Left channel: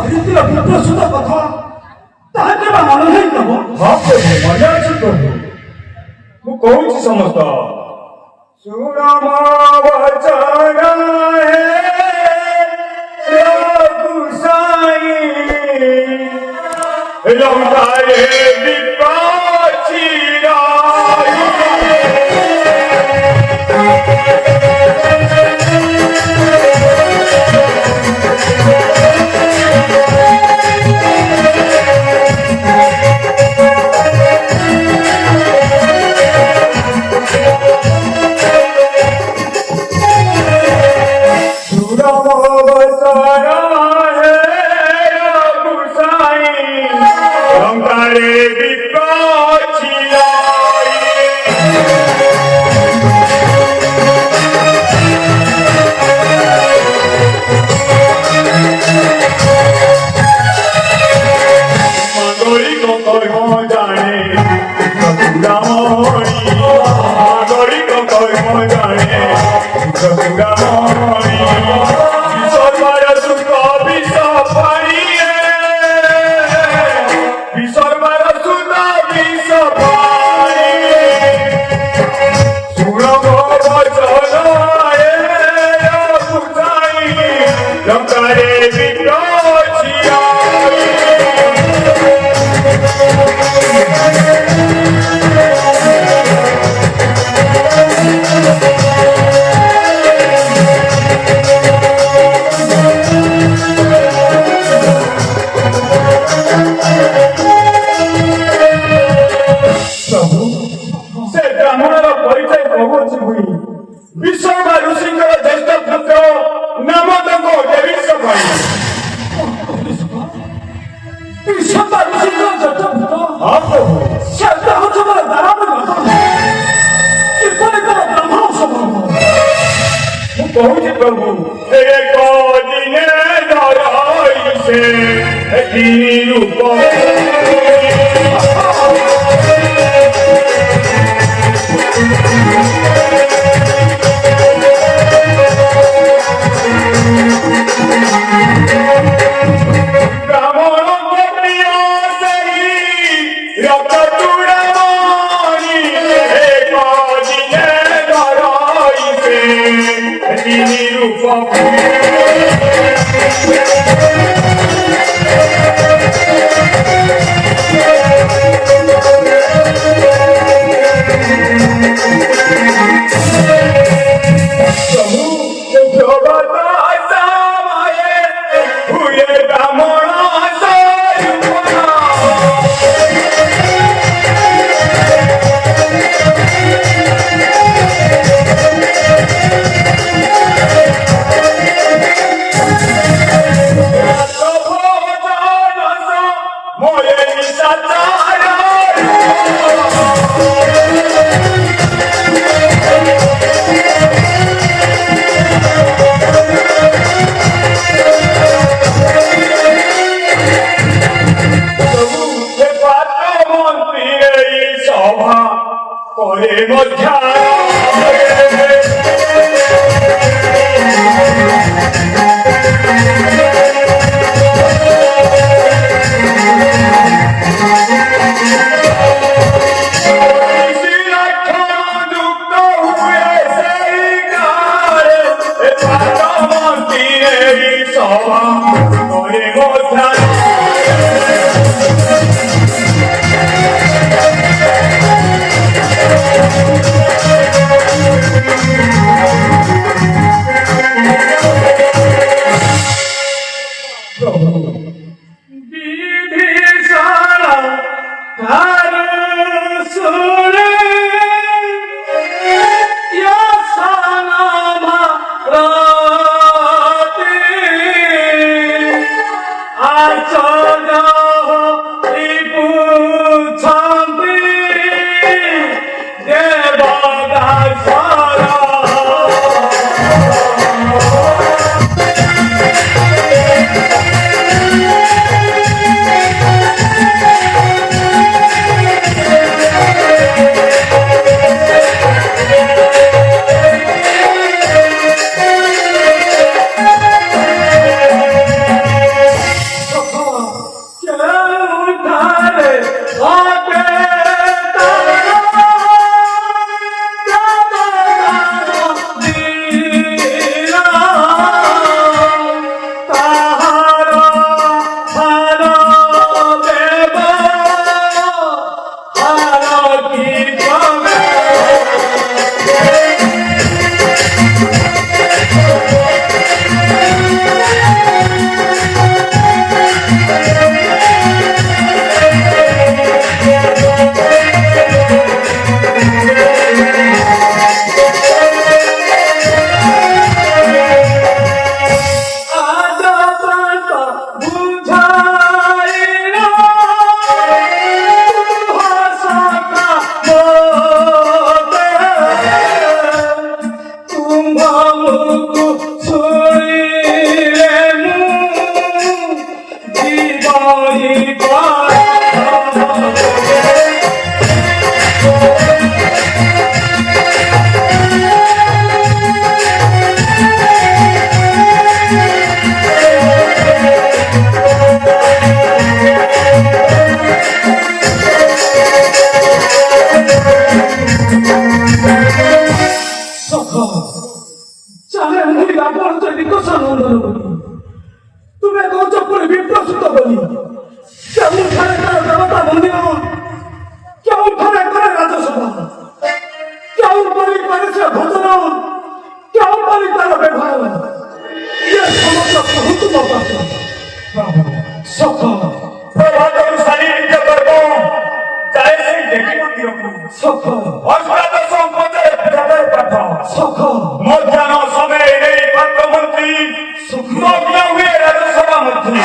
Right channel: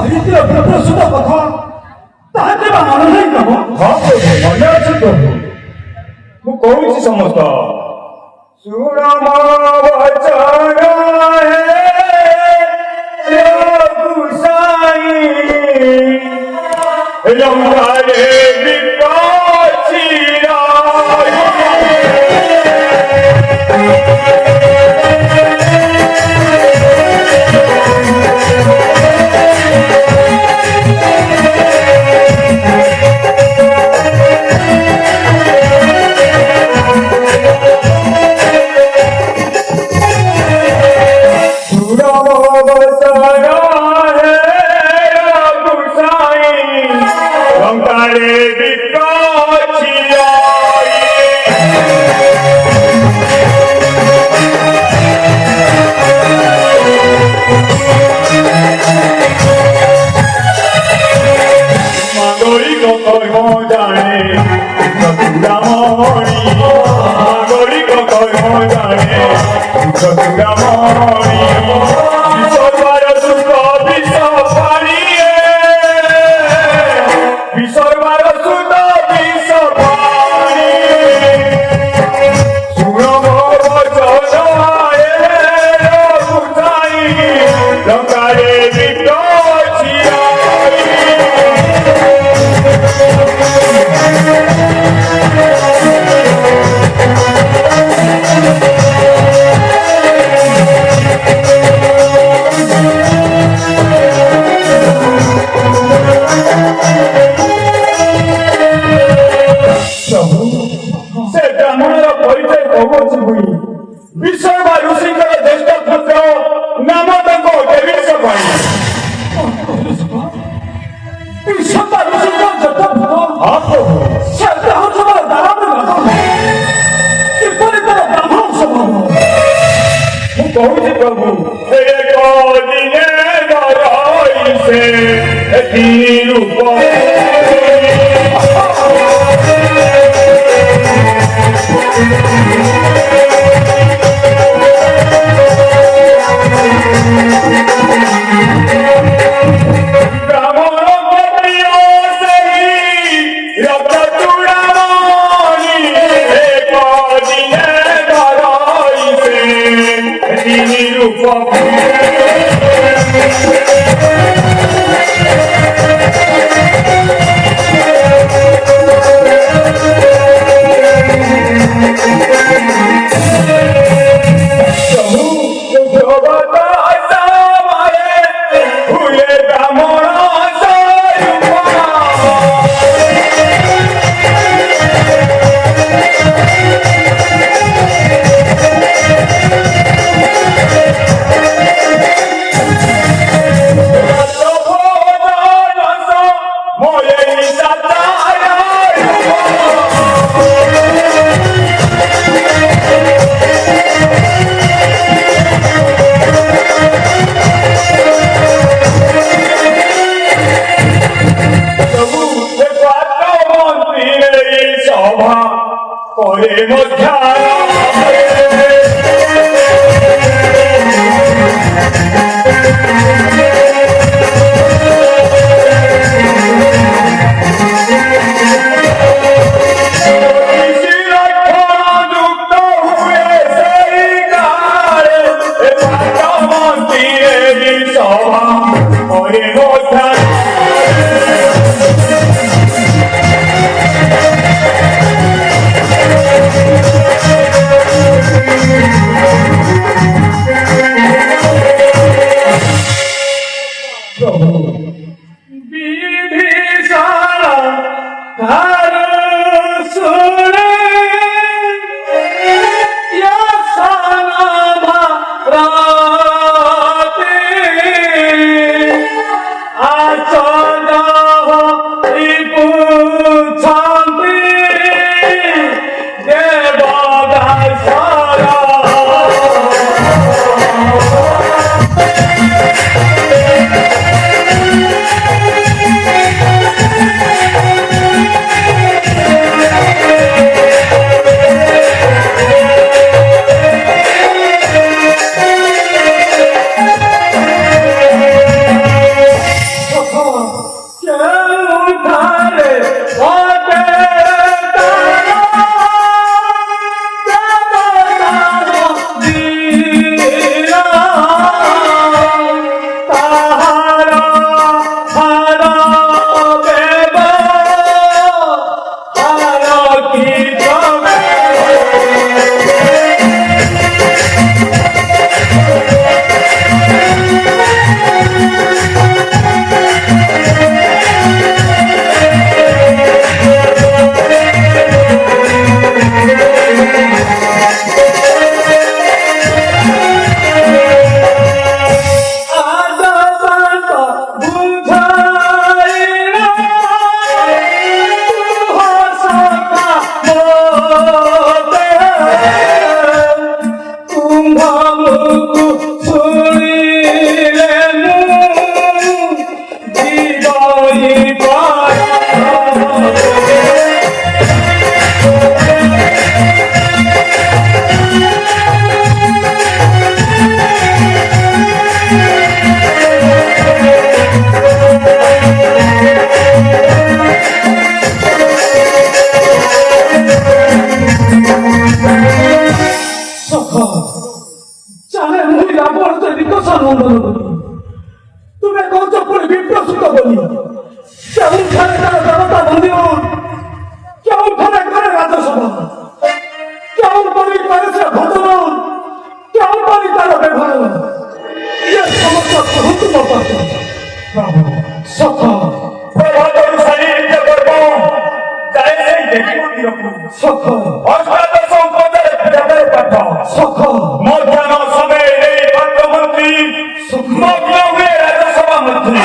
କହିଥିଲା ବିପ୍ରସୁତ କଥା ତାହା କେବେ ମନେ ନାହିଁ ପ୍ରଭୁ? ହଁ ପ୍ରଭୁ, ମନେ ଅଛି ପ୍ରଭୁ। ମୁଁ କହୁଛି ସମସ୍ତ ଶୁଣ ମୋ ବଚନ ହେ ଗୋସାଇଁ, ଲଙ୍କାରେ ବିପଚିରା कौन प्रभु को दिने दराई से रूप ଆମକୁ ଶୁଣିଲେ चाहे महिला बढ्दै निकषण आन्दोलन तुम्हें कौन पुरे विप्रसुत बनी केवल थाने तार जनता बंदी केवल थाने करे राज्यसभा केवल बनी करे से भजन केवल बनी तार व्यवहार ये समस्त प्रभुत्व पात्र सफा प्रभातम शरीर कर्म चाहे से देखी मंदिर सफा अष्टादश संपदे जगह पाठ सफा मध्याह्न समय मंत्री मग्न हुए राज्यसभा मंत्री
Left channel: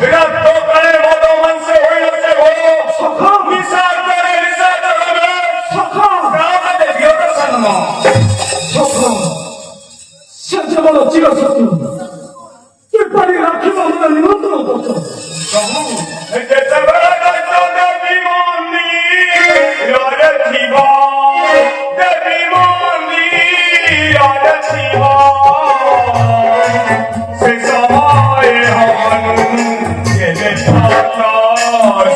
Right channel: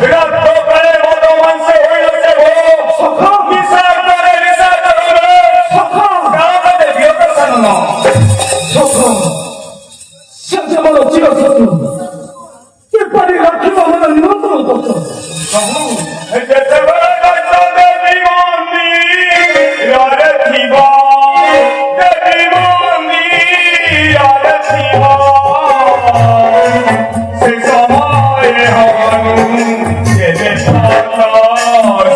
तो करे मदो मन से होइल से भो विचार करे गाँव का देवियों का सन्नो सत्य मन चिर सत्य किपरि राखिब मन निमंत्रण करछ जैसे बड़ा देवी मंदी यार थीबा देवी मंदी यार थीबा से समाए हानु ये देशा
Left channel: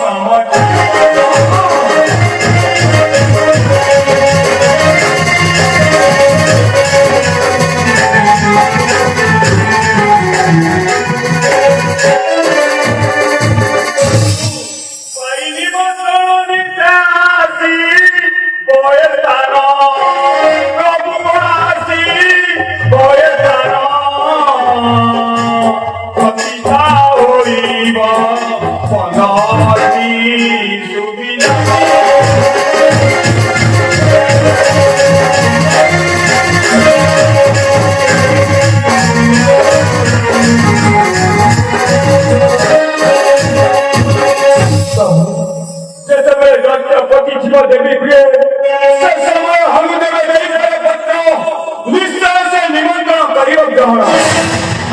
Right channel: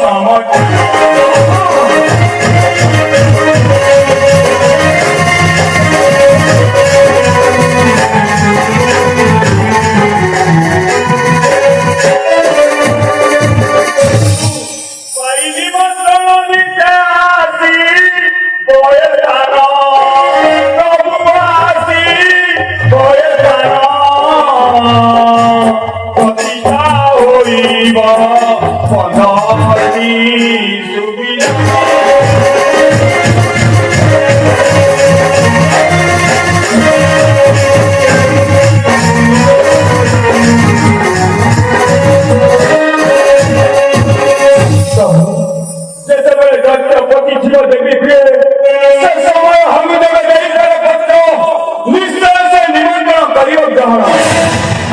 समझ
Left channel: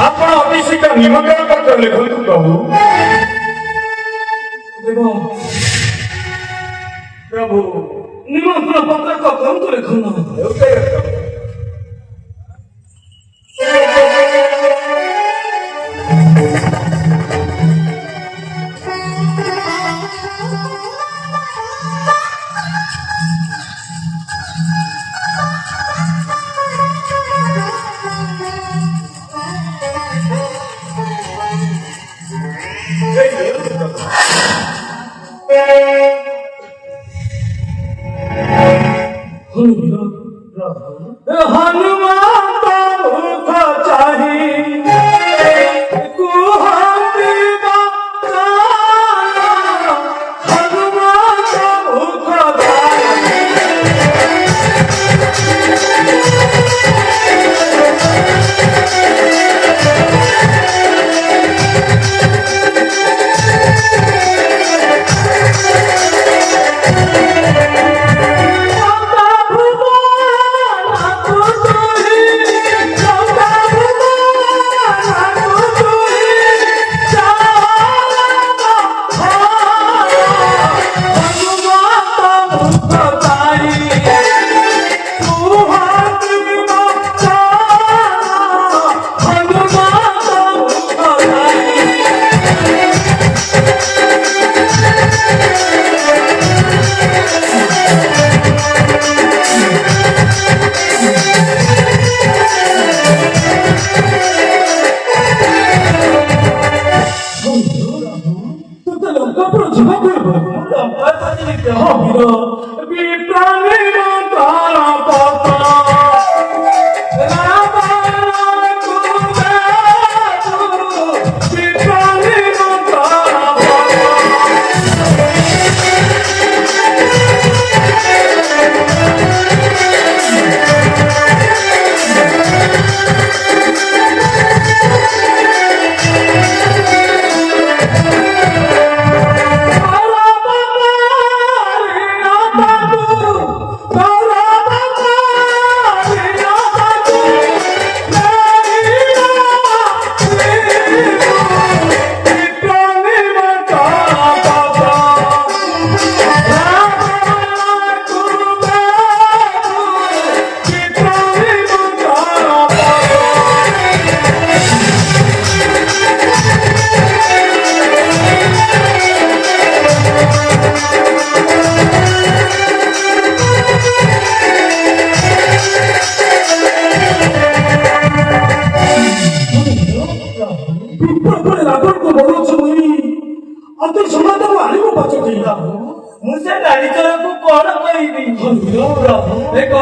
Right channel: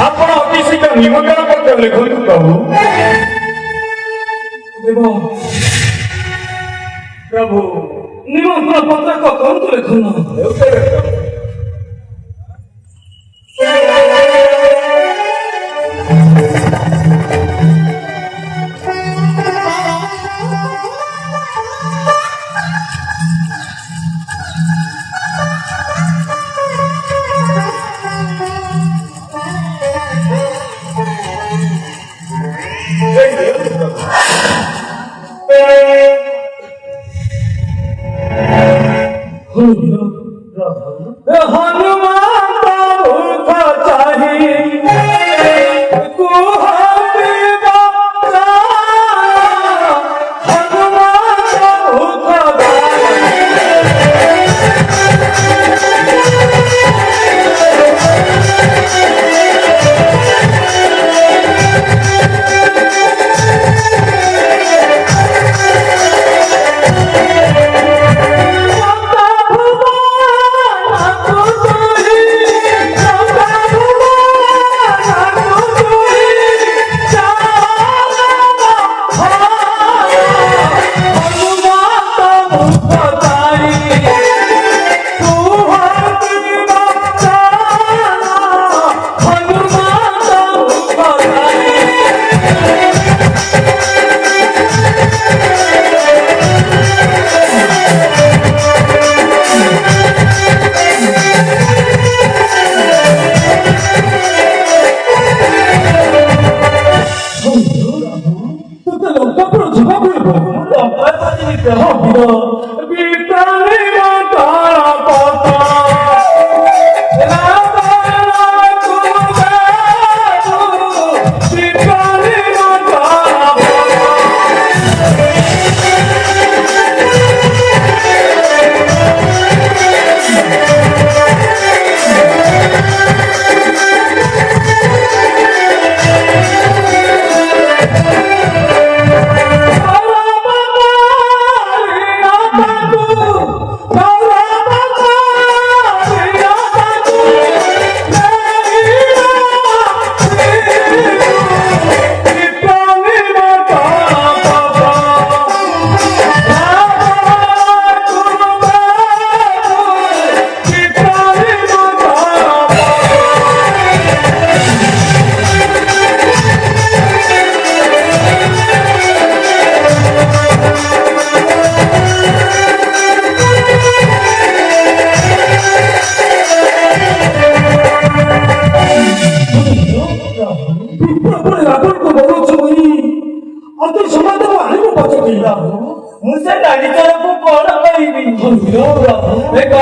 ଆପଣ ଅଫିସ ନିମନ୍ତ୍ରଣ ପତ୍ର ଲେଖନ୍ତୁ ପ୍ରଭୁ प्रभु निमंत्रण पत्र को कौन लेखन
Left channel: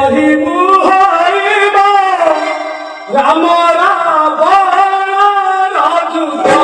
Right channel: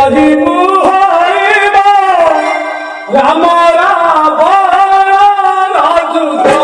କହିବୁ ହରିବ ରାମ ରାବଣ ରାଜୁତ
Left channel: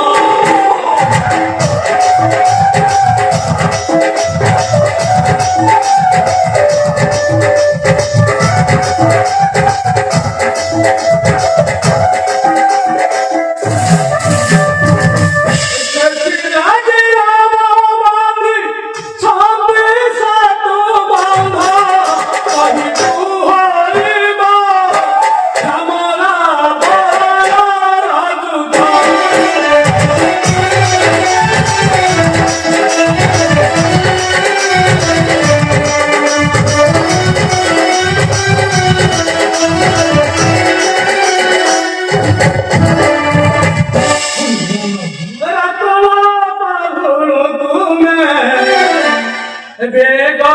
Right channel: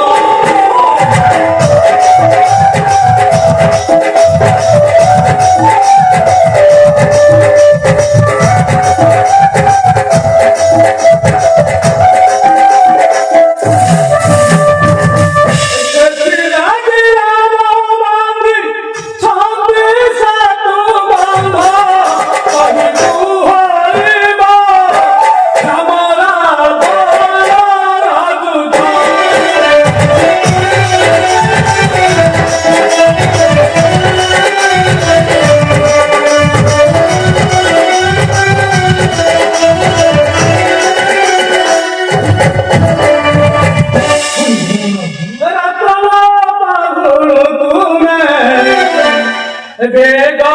बेगा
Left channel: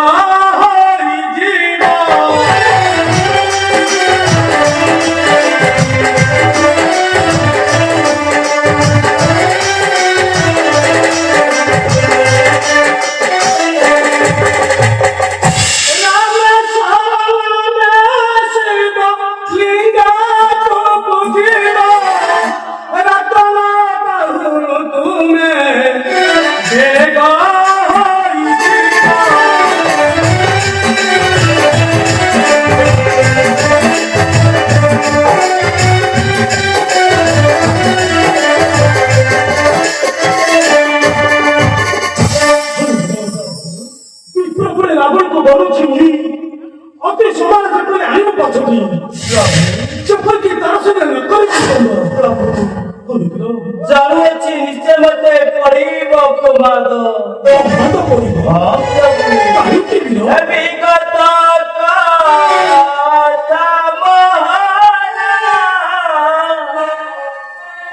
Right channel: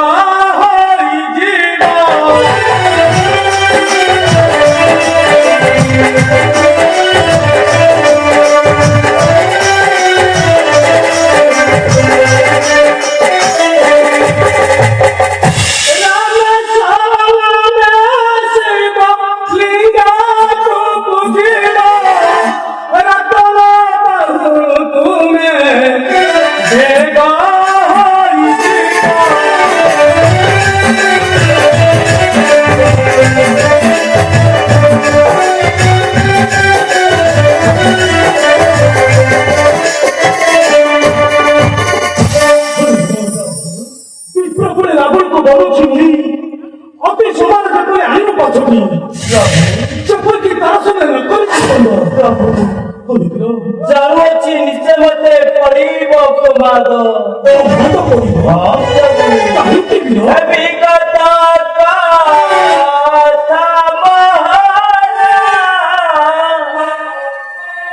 हरि जीवा जाऊची निश्चय मते पड़ीब प्रमाद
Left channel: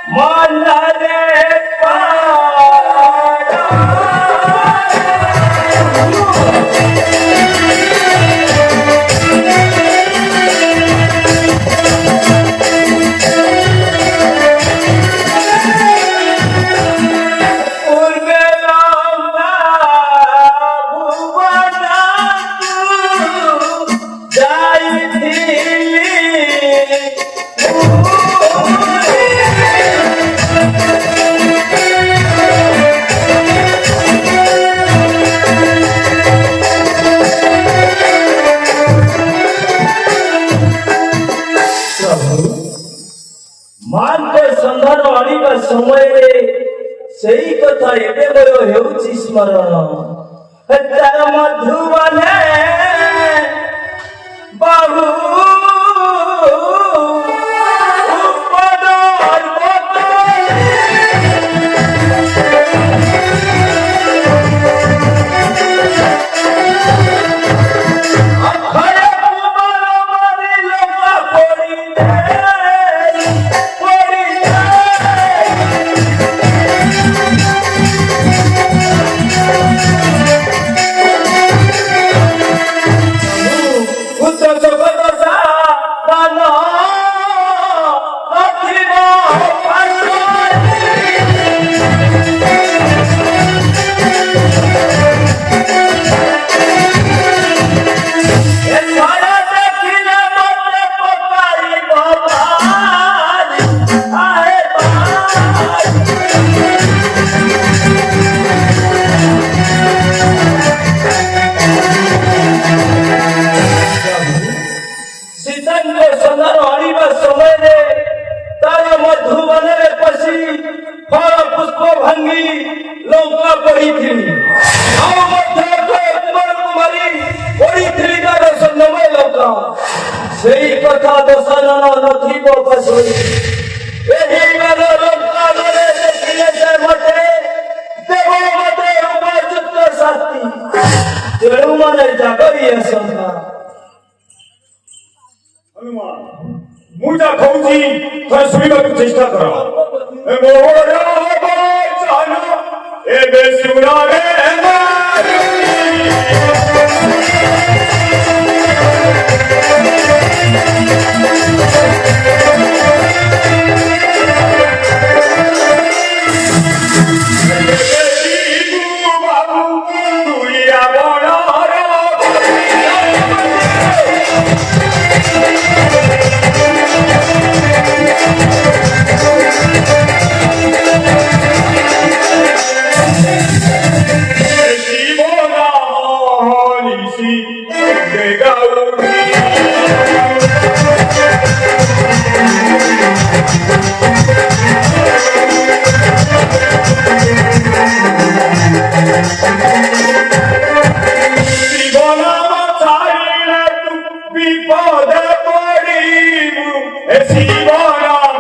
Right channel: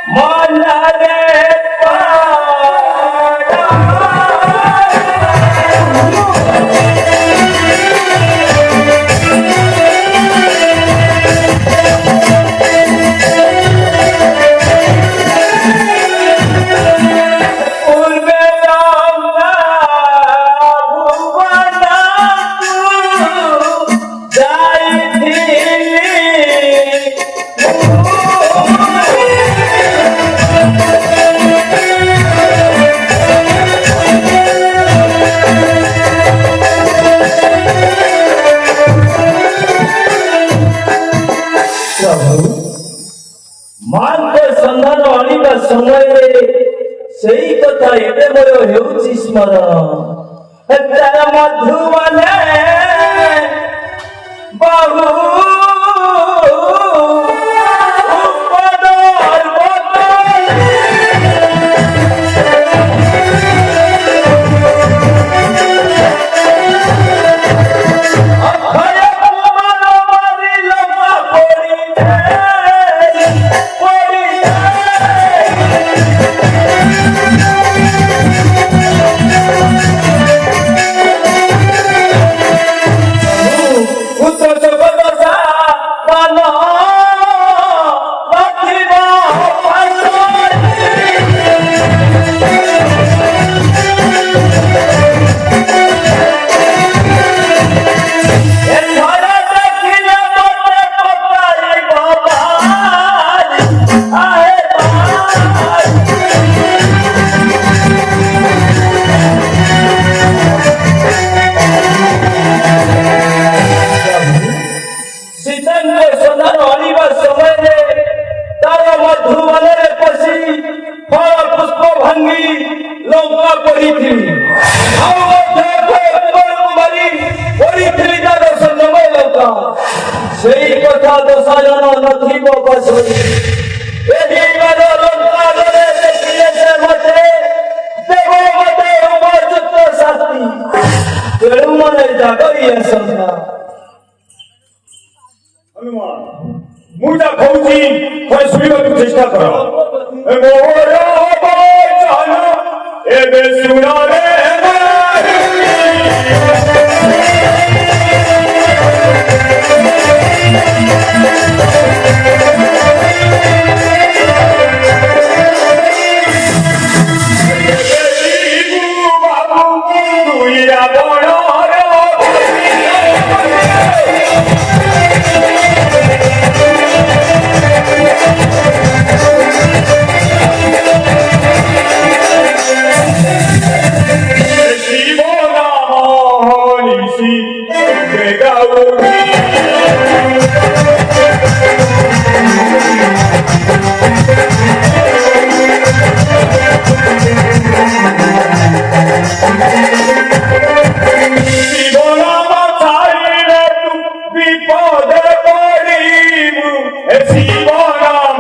मन रे मान को संधान आनिबा समय सही कथा एबे मोर हेउछि स्मरण तार मधुवने बाहु उपदर सही कथा दशजन नथिब बसई एही मान लंका गरे देखिए जे मते देव मते उपयुक्त शास्ति तेणु मन जागरी संख्या हनुमान मुझा कहूची थोड़े सुनिबाकु चेष्टा करो मोरा बचाना एबे सुना रे शिवरामानिशी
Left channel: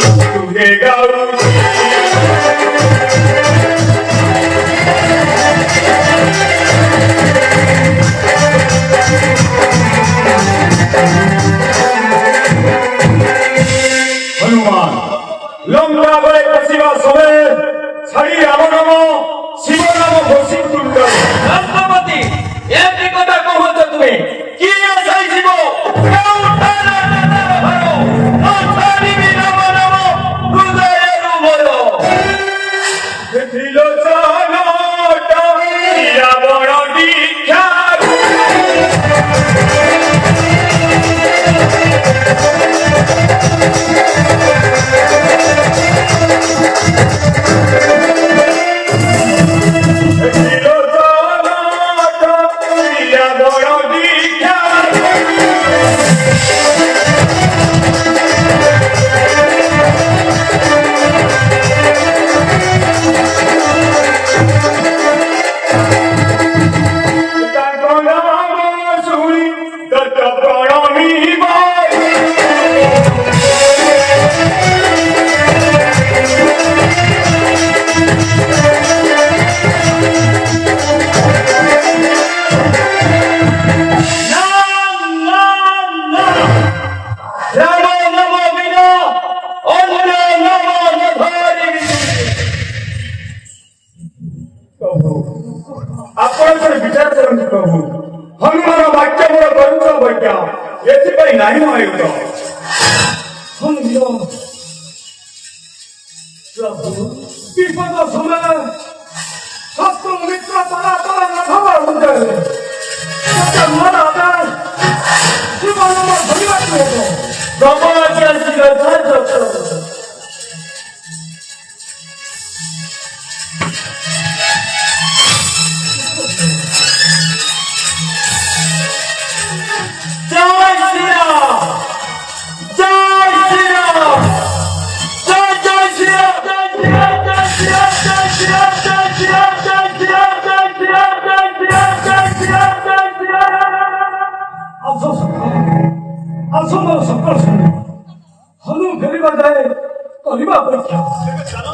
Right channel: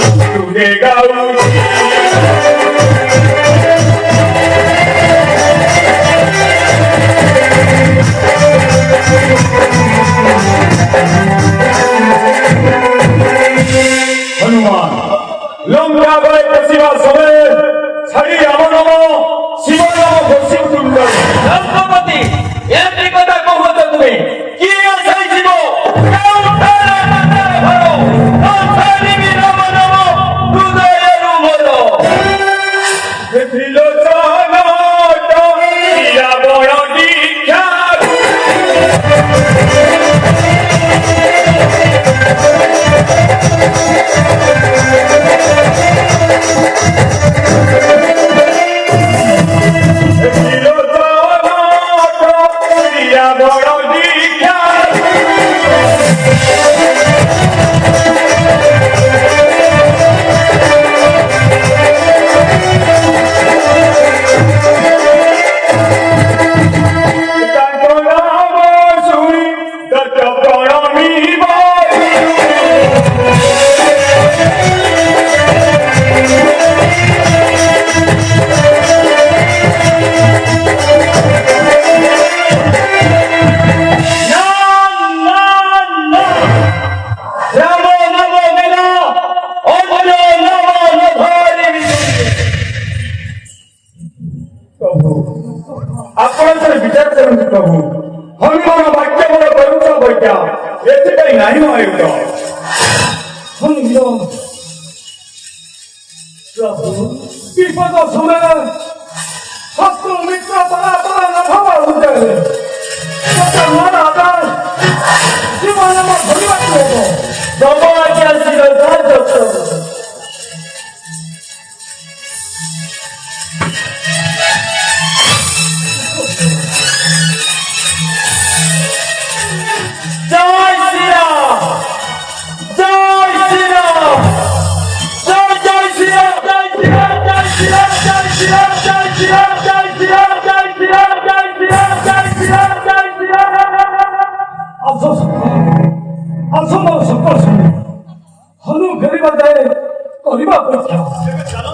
तुझे गाऊची हनुमान लंका गए पशिवा समय छड़ी रामनाम शिवनाम घोषित तुल्य रत्नपती यांची कथा कहत तुम्ही की असाई जीव आपण जर विचार करून प्रभू हनुमान वाक्य मोर करूचा बैठ्या याचे नाही आयुक्त हनुमान प्रभू विपद समय शत्रु मित्र परापरा नभावा उदय त्याचा मन आधार जीवनाला भरी वाटलो होतो बाबाच्या शिरधार जगतो जय श्रीराम जय श्रीराम जय जय श्रीराम जय श्रीराम जय श्रीराम जय श्रीराम जय श्रीराम जय श्रीराम जय श्रीराम जय श्रीराम जय श्रीराम जय श्रीराम असंभव सकल हनु फेरिबा जाए କରିବା ଅପେକ୍ଷା